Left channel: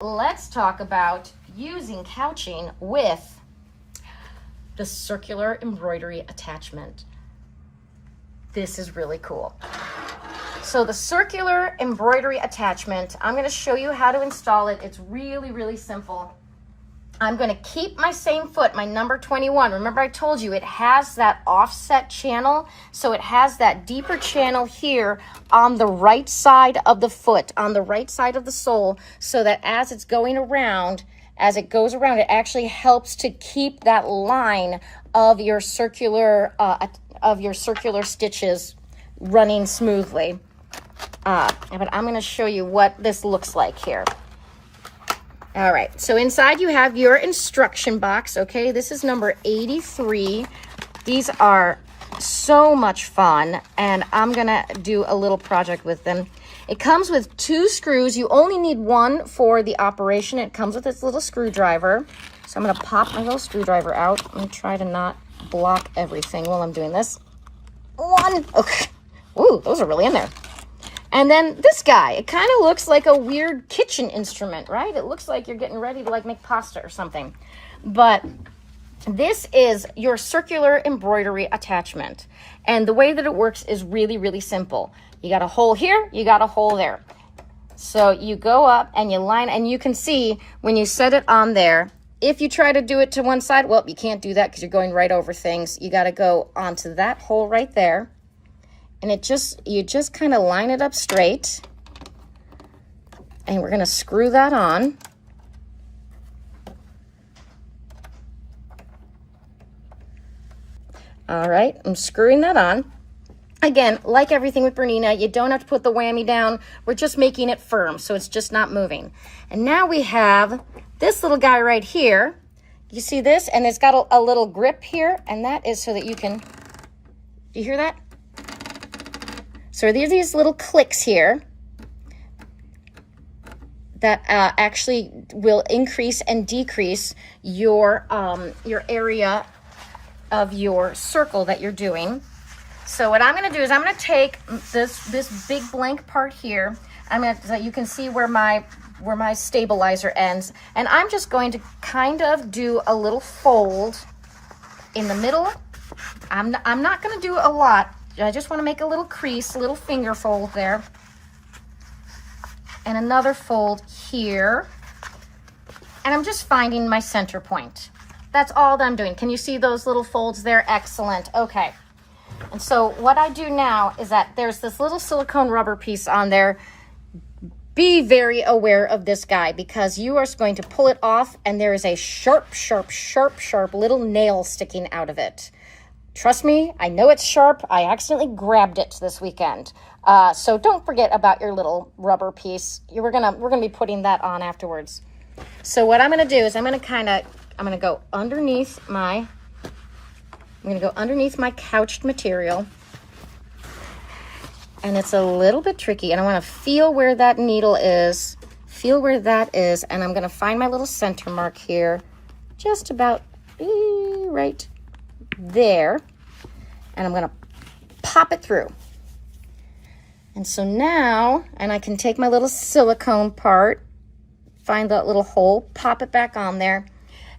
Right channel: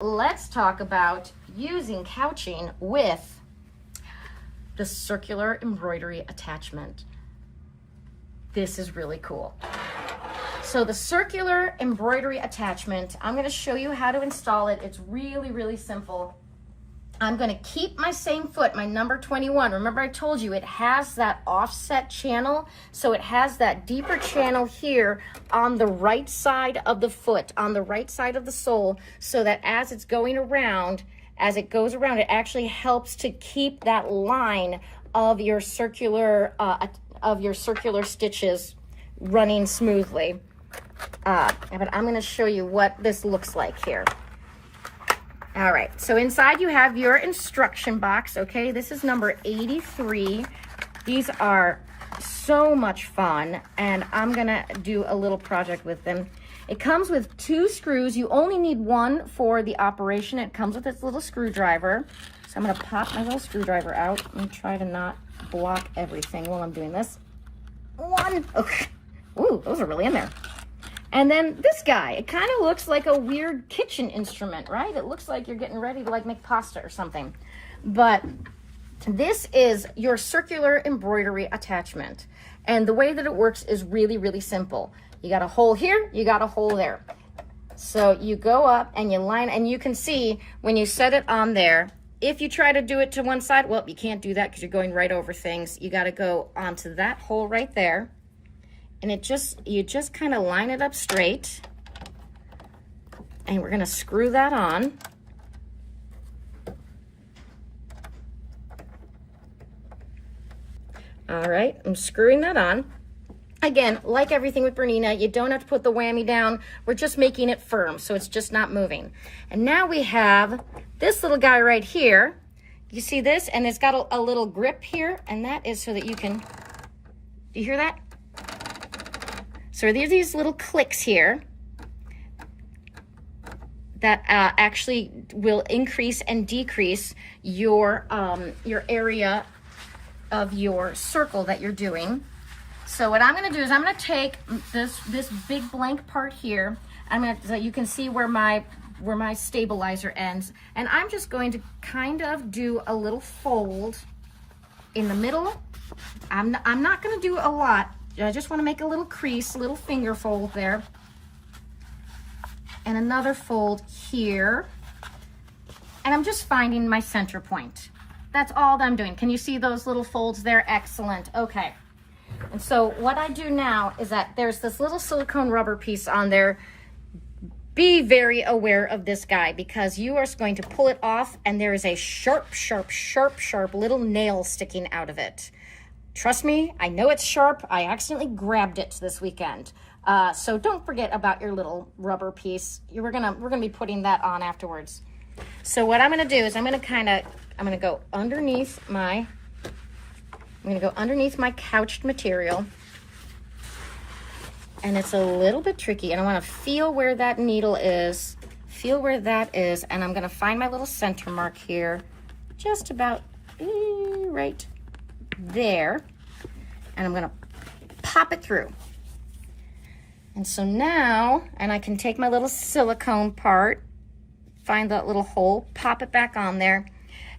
Let's talk about using couching with the circular embroidery attachment. This is really cool. So the circular embroidery attachment, I'm going to show you how to install it. It's really, really simple. I'm going to keep my same foot, my number 21. Remember I told you it has that offset channel, so it has that deeper channel here on the right side of the foot, on the right side of the sole, so that as it's going around, as it goes around, it actually helps to keep that line of your circular stitches running smoothly. But I'm going to show you what this looks like here. All right, so inside you have your instruction box, okay? This is number 83. These are so much fun, and I'm gonna do a little project with them. It comes with 2 screws. You only need 1 for the operation. It comes with this little screwdriver. So I'm gonna pop my little screwdriver out. I'm gonna try to not block everything while I'm doing this. 1, okay. Ooh, those are really in there. And then this guy, it kind of looks like a weird kitchen instrument, right? It looks like you're getting ready to like make pasta or something. But this is your circular embroidery attachment. And the way that it works is really, really simple. You got a hole here, you got a hole there. So you go up and you line, and you can see when you set it on there, if you try to do it to one side, well, you can't do that because you're going right over things. You got to go onto that hole right there. And you just kind of line it up straight, and we're going to screw that on. All right, I'm screwing that on. Again, like everything with Bernina, you don't have to put the whammy down. We're just making it firm, so it's just not moving. And now we have this little guy right here. You see this? And it's got a little grip here, and that is so that you can, do you hear that? So there's these little clicks here that actually will increase and decrease your area of your circle that you're doing. So what I'm going to do is I'm going to take this big blank part here. So you can see where my stabilizer ends, and I'm just going to kind of do a little fold in the middle. I'm not going to do a lot. I just want to make a little crease, a little finger fold there. And another fold here. And I'm just finding my center point. That's all that I'm doing. Can you see those little folds there? Excellent. Okay. And so what I do now is that there's this little silicone rubber piece on there. Be very aware of this guy, because you are going to pull it off and there is a sharp, sharp, sharp, sharp little nail sticking out of it. Trust me, I know it's sharp. I accidentally grabbed it this weekend. So don't forget about your little rubber piece. We're gonna be putting that on afterwards. So what I'm gonna do is I'm gonna go underneath my couched material. And it's a little bit tricky, and I wanna feel where that needle is, and I'm gonna find my little center mark here, just about right there, and I'm gonna pop it through. And so now, and I can take my little silicone part, find that little hole, pop it back on there.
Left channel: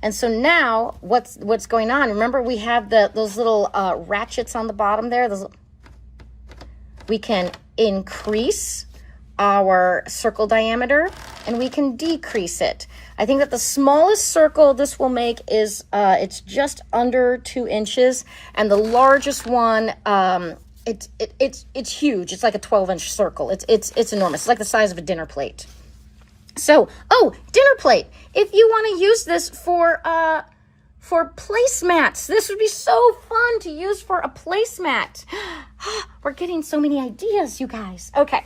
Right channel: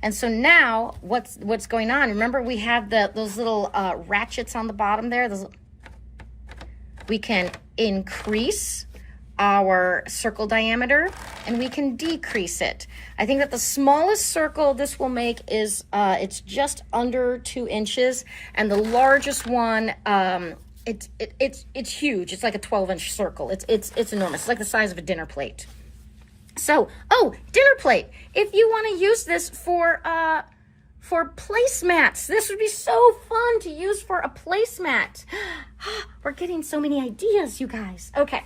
And so now what's going on, remember we have those little ratchets on the bottom there. We can increase our circle diameter, and we can decrease it. I think that the smallest circle this will make is it's just under 2 inches, and the largest one it's huge. It's like a 12-inch circle. It's enormous. It's like the size of a dinner plate. So, dinner plate. If you want to use this for placemats, this would be so fun to use for a placemat. We're getting so many ideas, you guys. Okay.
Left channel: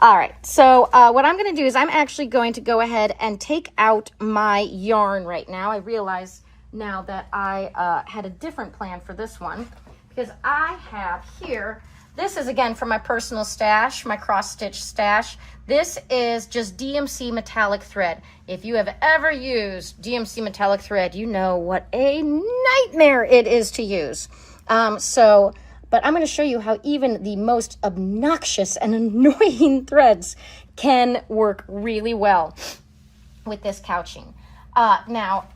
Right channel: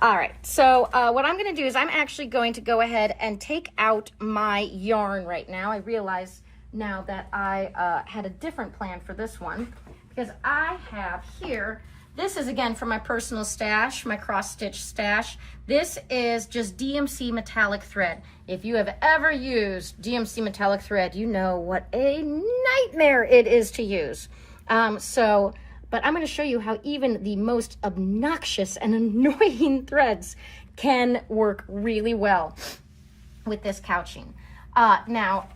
All right, so what I'm going to do is I'm actually going to go ahead and take out my yarn right now. I realize now that I had a different plan for this one, because I have here, this is again from my personal stash, my cross-stitch stash. This is just DMC metallic thread. If you have ever used DMC metallic thread, you know what a nightmare it is to use. But I'm going to show you how even the most obnoxious and annoying threads can work really well. with this couching. Now,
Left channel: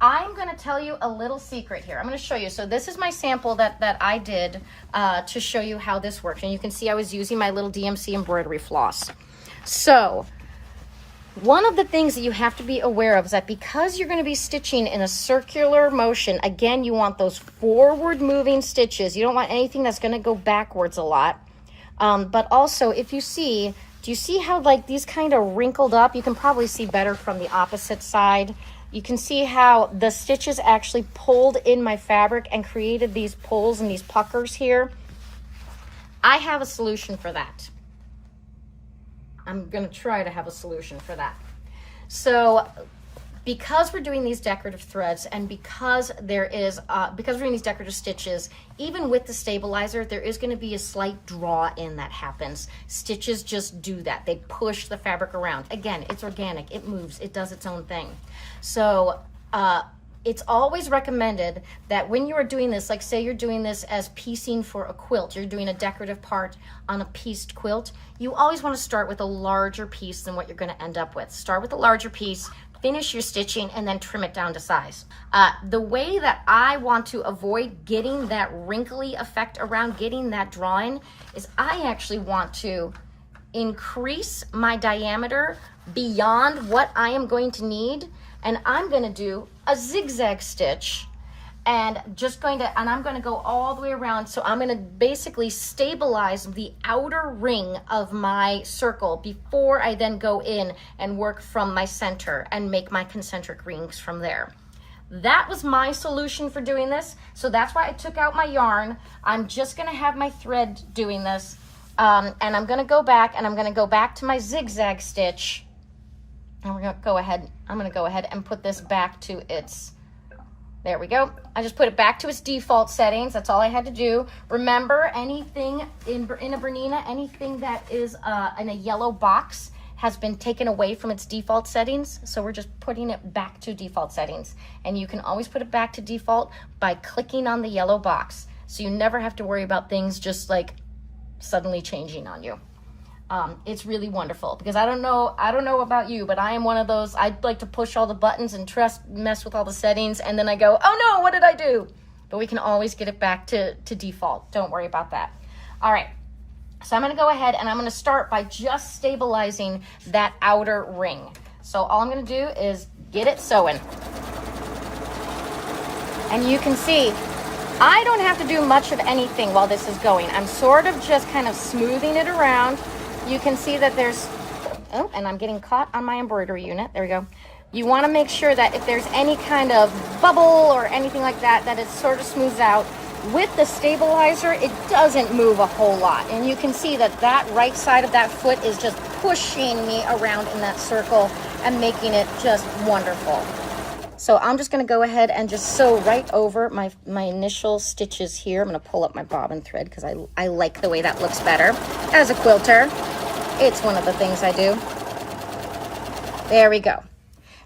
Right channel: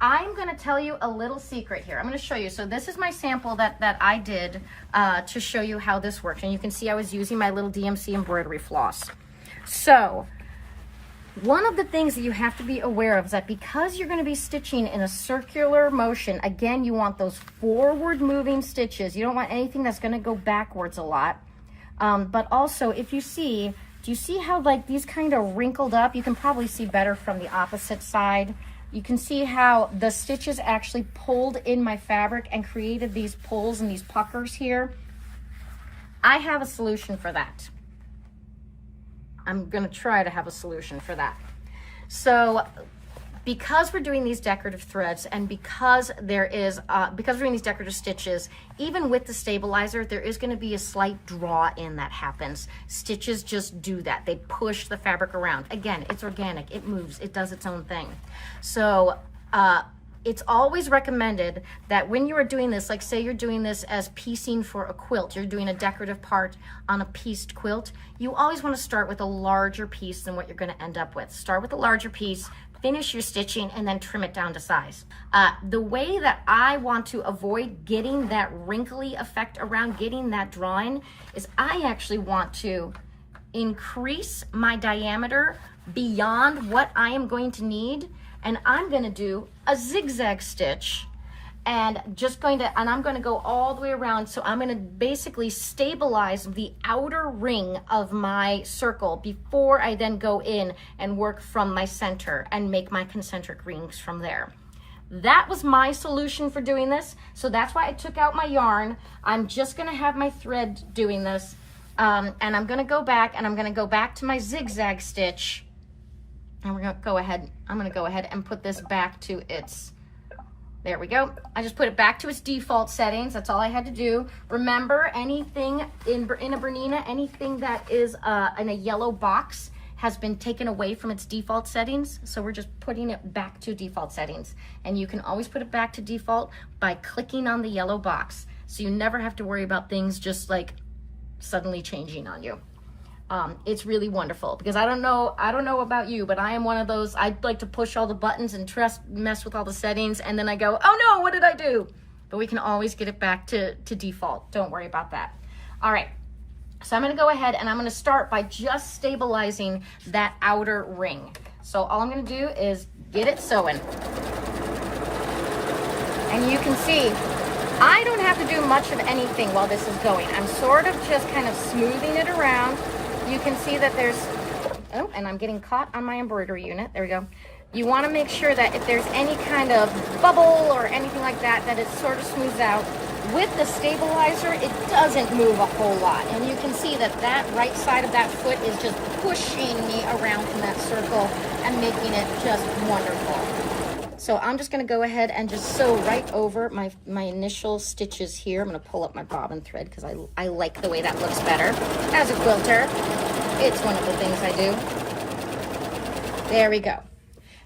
I'm going to tell you a little secret here. I'm going to show you. So this is my sample that I did to show you how this works. And you can see I was using my little DMC embroidery floss. So one of the things that you have to be aware of is that because you're going to be stitching in a circular motion, again, you want those forward moving stitches. You don't want anything that's going to go backwards a lot. But also, if you see, do you see how like these kind of wrinkled up? You can probably see better from the opposite side. You can see how the stitches actually pulled in my fabric and created these pulls and these puckers here. I have a solution for that. I'm gonna try to have a solution for that. So because we're doing these decorative threads and because we're doing these decorative stitches, even with the stabilizer, there is going to be a slight draw in that happens. Stitches just do that. They push the fabric around. Again, it's organic, it moves, it does its own thing. So it's always recommended that when you are doing this, like say you're doing this as piecing for a quilt, you're doing a decorative part on a pieced quilt, you always want to start with a larger piece than what you're going to end up with. Start with a larger piece, finish your stitching, and then trim it down to size. The way that I want to avoid getting that wrinkly effect around, getting that drawing, is I actually want to increase my diameter beyond what I am going to need, and I'm going to do a zigzag stitch, and I'm going to go all the way around. So I'm going to basically stabilize the outer ring of my circle before I then go in and work from my center and make my concentric rings from there. That was my solution for doing this. So that's why I took out my yarn. I'm just going to have my thread doing this. And I'm going to go back, and I'm going to go back to my zigzag stitch. And I'm going to go ahead and put this back to its, there we go. I just put it back to its default settings. That's all I had to do. Remember, anything in a Bernina, anything that is in a yellow box has been taken away from its default settings. So we're just putting it back to default settings. And you can always put it back to default by clicking on the yellow box. So you never have to worry about things just like suddenly changing on you. It's really wonderful because I don't know about you, but I am one of those, I'd like to push all the buttons and mess with all the settings, and then I go, oh no, what did I do? But we can always get it back to default. Don't worry about that. All right, so I'm gonna go ahead and I'm gonna start by just stabilizing that outer ring. So all I'm gonna do is get it sewing. And you can see, I don't have to do much of anything while this is going. I'm sort of just kind of smoothing it around. You can see that there's, oh, and I'm getting caught on my embroidery unit. There we go. You want to make sure that if there's any kind of bubble or anything like that, that it sort of smooths out. With the stabilizer, it doesn't move a whole lot. And you can see that that right side of that foot is just pushing me around in that circle and making it just wonderful. So I'm just going to go ahead and just sew right over my initial stitches here. I'm going to pull up my bobbin thread because I like the way that looks better. As a quilter, it's one of the things I do. There we go.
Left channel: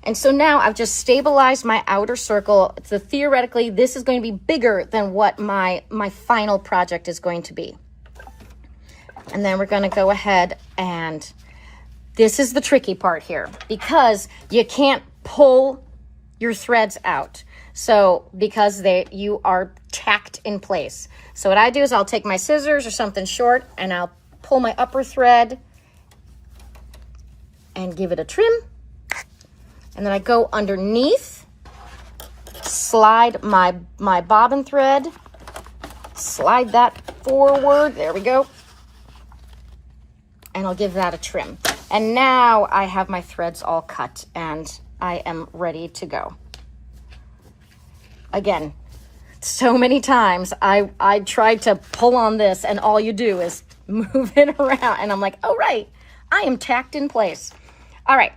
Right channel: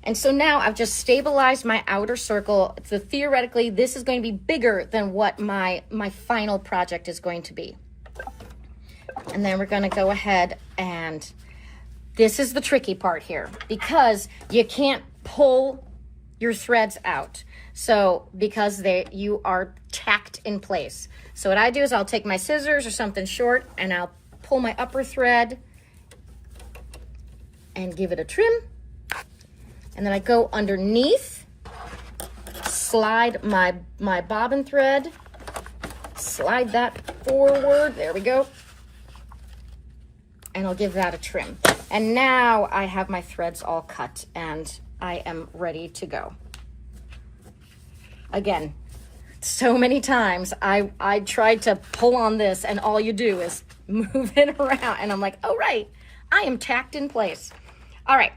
And so now I've just stabilized my outer circle. So theoretically, this is going to be bigger than what my final project is going to be. And then we're going to go ahead, and this is the tricky part here because you can't pull your threads out. So because you are tacked in place. So what I do is I'll take my scissors or something short and I'll pull my upper thread and give it a trim. And then I go underneath, slide my bobbin thread, slide that forward, there we go. And I'll give that a trim. And now I have my threads all cut and I am ready to go. Again, so many times I tried to pull on this and all you do is move it around and I'm like, oh right, I am tacked in place. All right,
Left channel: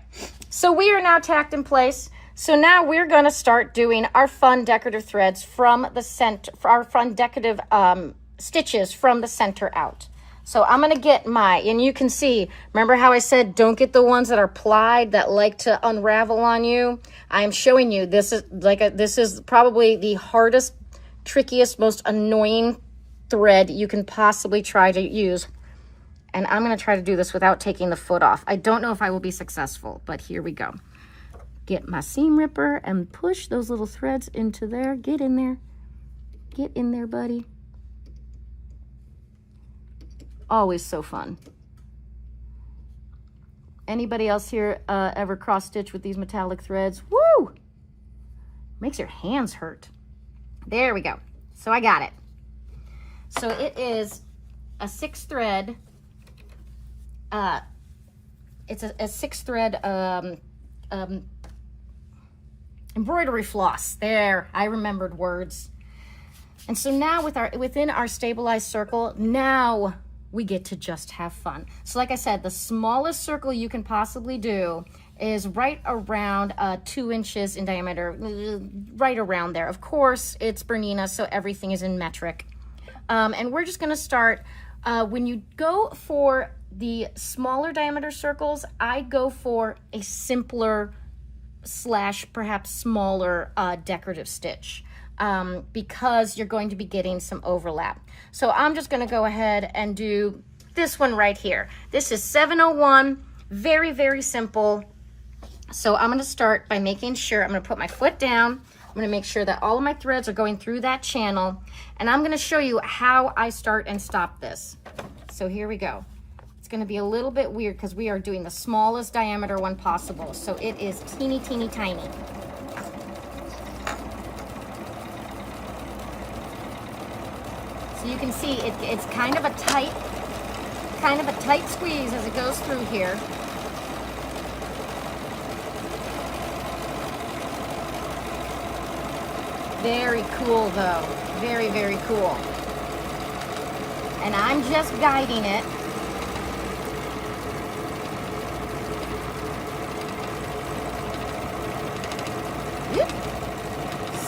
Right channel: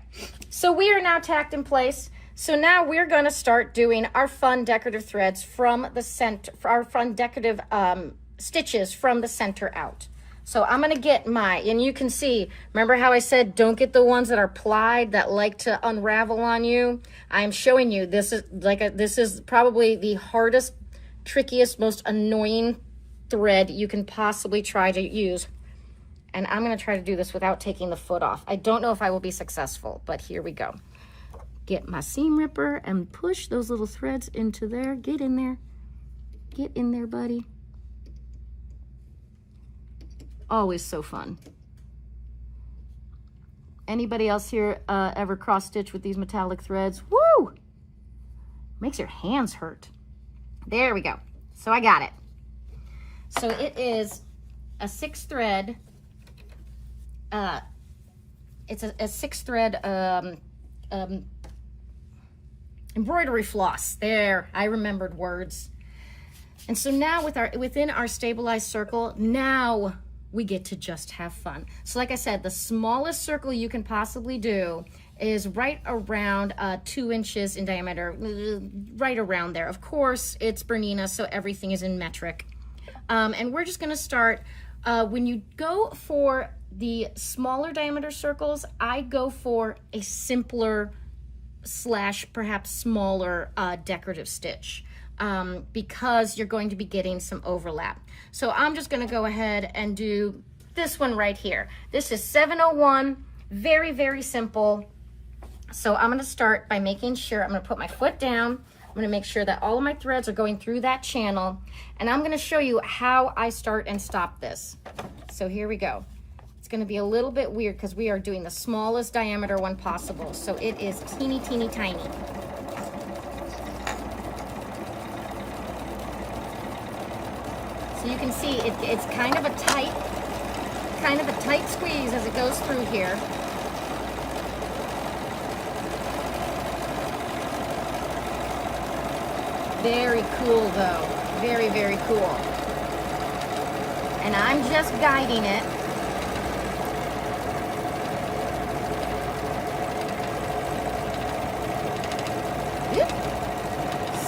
so we are now tacked in place. So now we're gonna start doing our fun decorative threads from the center, for our fun decorative stitches from the center out. So I'm gonna get and you can see, remember how I said don't get the ones that are plied that like to unravel on you? I'm showing you, this is probably the hardest, trickiest, most annoying thread you can possibly try to use. And I'm gonna try to do this without taking the foot off. I don't know if I will be successful, but here we go. get my seam ripper and push those little threads into there. Get in there. Get in there, buddy. Always so fun. Anybody else here ever cross stitch with these metallic threads? Woo! Makes your hands hurt. There we go. So I got it. So it is a 6 thread. It's a 6 thread embroidery floss. There, I remembered words. And so now within our stabilized circle, now we get to just have fun. So like I said, the smallest circle you can possibly do is right around 2 inches in diameter, right around there. Of course, it's Bernina, so everything is in metric. And we're just gonna start, when you go for the smaller diameter circles, I go for a simpler / perhaps smaller decorative stitch. Because you're going to be getting some overlap. So I'm just gonna go ahead and do this one right here. This is 701, very, very simple. So I'm gonna start by making sure, I'm gonna put my foot down, I'm gonna make sure that all of my threads are going through that channel, and I'm gonna show you how I start and stop this. So here we go. It's gonna be a little bit weird because we are doing the smallest diameter one possible. So it is teeny, teeny, tiny. You can see it's kind of a tight squeeze as it goes through here. Very cool though, very, very cool. And I'm just guiding it.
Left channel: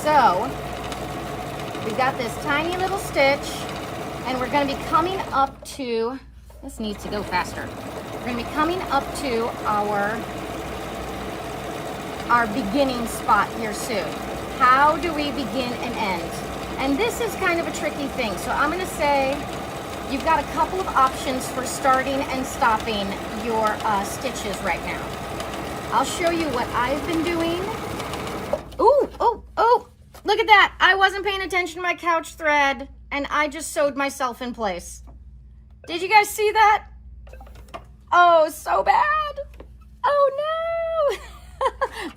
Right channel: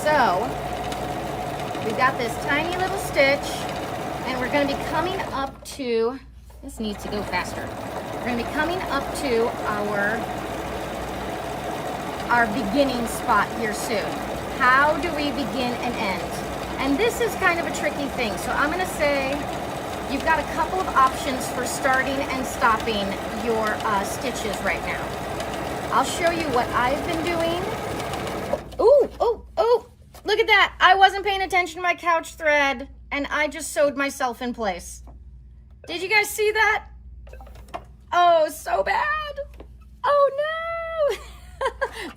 So, we've got this tiny little stitch, and we're going to be coming up to, this needs to go faster. We're going to be coming up to our beginning spot here soon. How do we begin and end? And this is kind of a tricky thing. So I'm going to say you've got a couple of options for starting and stopping your stitches right now. I'll show you what I've been doing. Ooh, oh, oh. Look at that. I wasn't paying attention to my couch thread and I just sewed myself in place. Did you guys see that? Oh, so bad. Oh no.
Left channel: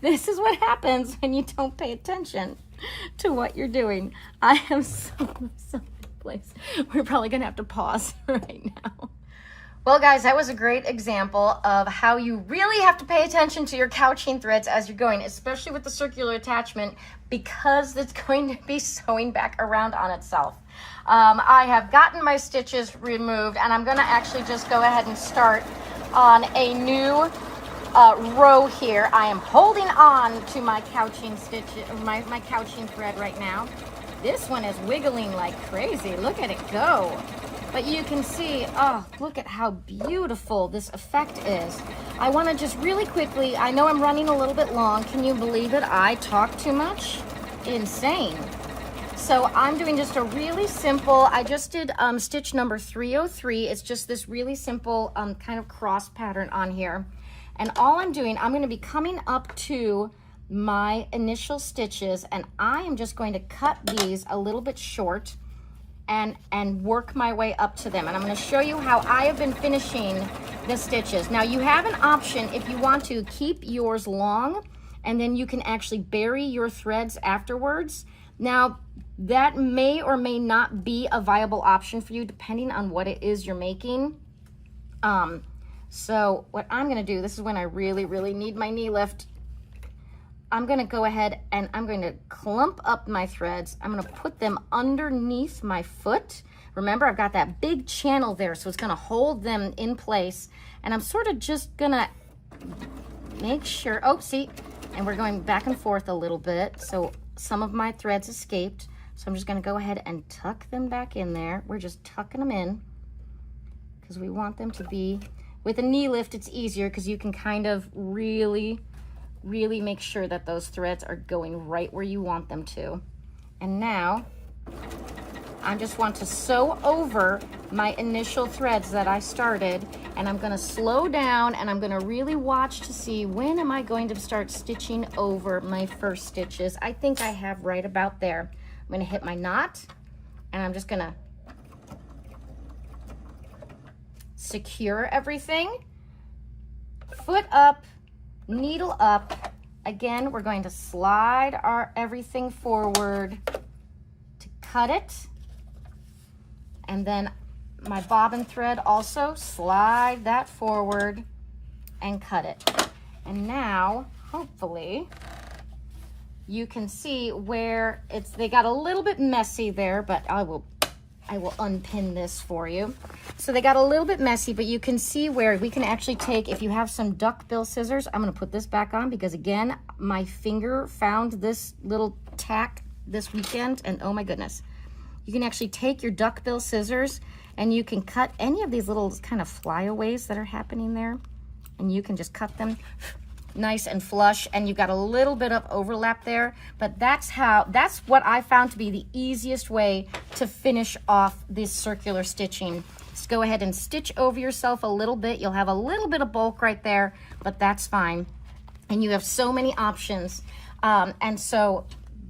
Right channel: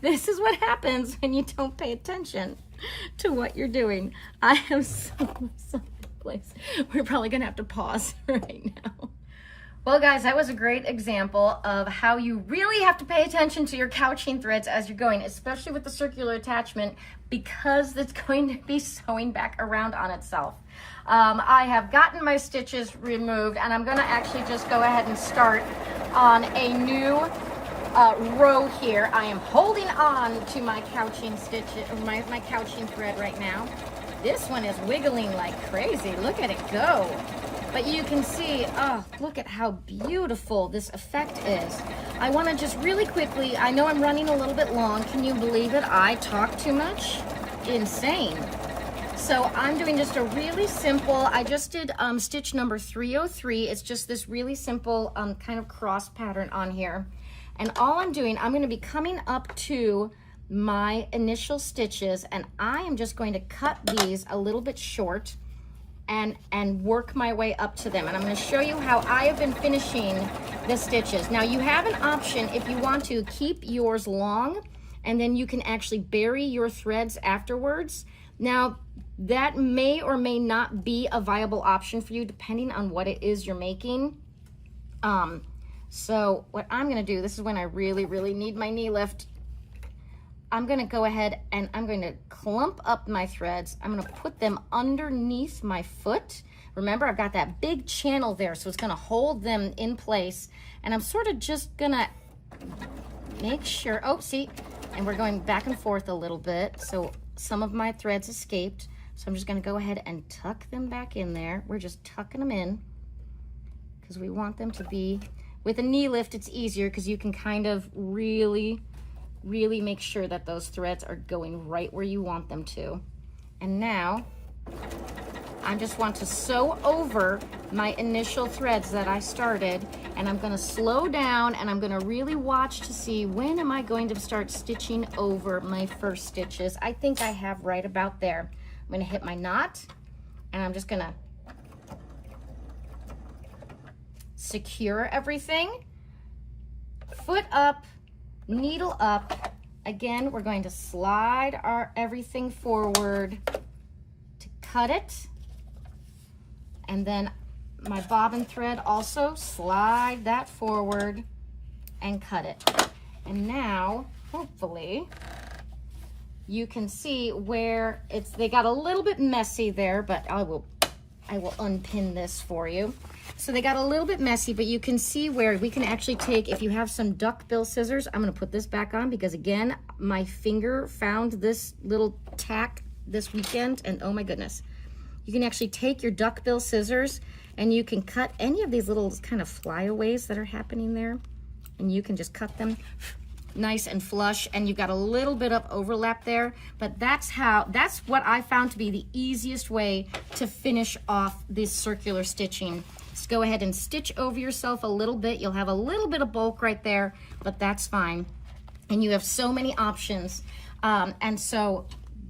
This is what happens when you don't pay attention to what you're doing. I am so in place. We're probably gonna have to pause right now. Well guys, that was a great example of how you really have to pay attention to your couching threads as you're going, especially with the circular attachment, because it's going to be sewing back around on itself. I have gotten my stitches removed and I'm gonna actually just go ahead and start on a new row here. I am holding on to my couching stitch, my couching thread right now. This one is wiggling like crazy. Look at it go. But you can see, oh, look at how beautiful this effect is. I want to just really quickly, I know I'm running a little bit long. Can you believe it? I talk too much? Insane. So I'm doing just a really simple, I just did stitch number 303. It's just this really simple kind of cross pattern on here. And all I'm doing, I'm going to be coming up to my initial stitches and I am just going to cut these a little bit short and work my way up to them. And I'm going to show you how I have been finishing the stitches. Now you have an option if you want to keep yours long and then you can actually bury your threads afterwards. Now that may or may not be a viable option for you depending on what it is you're making. So what I'm going to do, this is when I really, really need my knee lift. I'm going to go ahead and I'm going to clump up my threads. I'm going to put them underneath my foot. Remember, I've got that big channel there, so it's going to hold them in place. And I'm sort of just going to make sure, oh, see, and we're going back and forth a little bit. So some of my threads escaped. So I'm just going to go ahead and tuck them back in there. We're just tucking them in because we want them to be, with a knee lift, it's easier because you can kind of really make sure that those threads are going right where you want them to. And now I just want to sew over my initial threads that I started, and I'm gonna slow down and I'm gonna really watch to see when am I going to start stitching over my first stitches. I think I have right about there. I'm gonna hit my knot, and I'm just gonna secure everything, foot up, needle up. Again, we're going to slide our everything forward to cut it. And then my bobbin thread also, slide that forward and cut it. And now, hopefully, you can see where they got a little bit messy there, but I will unpin this for you. So they got a little bit messy, but you can see where we can actually take, if you have some duckbill scissors, I'm gonna put this back on because again, my finger found this little tack this weekend, and oh my goodness. You can actually take your duckbill scissors and you can cut any of these little kind of flyaways that are happening there, and you can just cut them nice and flush, and you've got a little bit of overlap there, but that's what I found to be the easiest way to finish off this circular stitching. Just go ahead and stitch over yourself a little bit. You'll have a little bit of bulk right there, but that's fine. And you have so many options. And so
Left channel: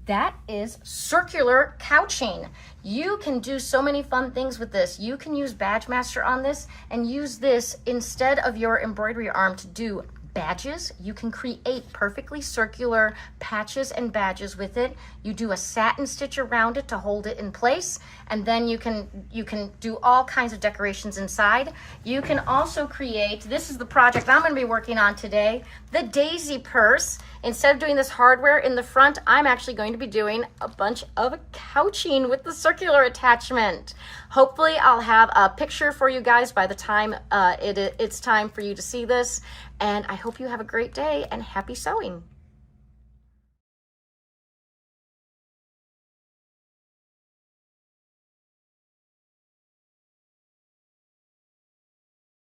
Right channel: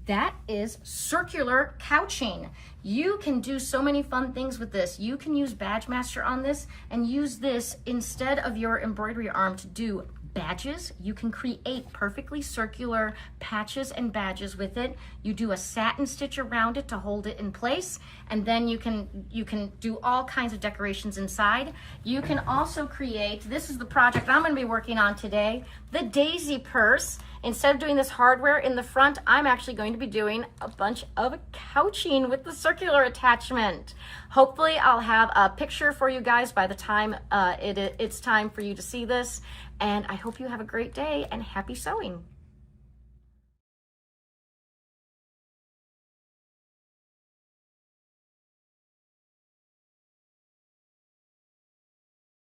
that is circular couching. You can do so many fun things with this. You can use Badge Master on this and use this instead of your embroidery arm to do badges. You can create perfectly circular patches and badges with it. You do a satin stitch around it to hold it in place, and then you can do all kinds of decorations inside. You can also create, this is the project I'm going to be working on today, the daisy purse. Instead of doing this hardware in the front, I'm actually going to be doing a bunch of couching with the circular attachment. Hopefully I'll have a picture for you guys by the time it's time for you to see this. And I hope you have a great day and happy sewing.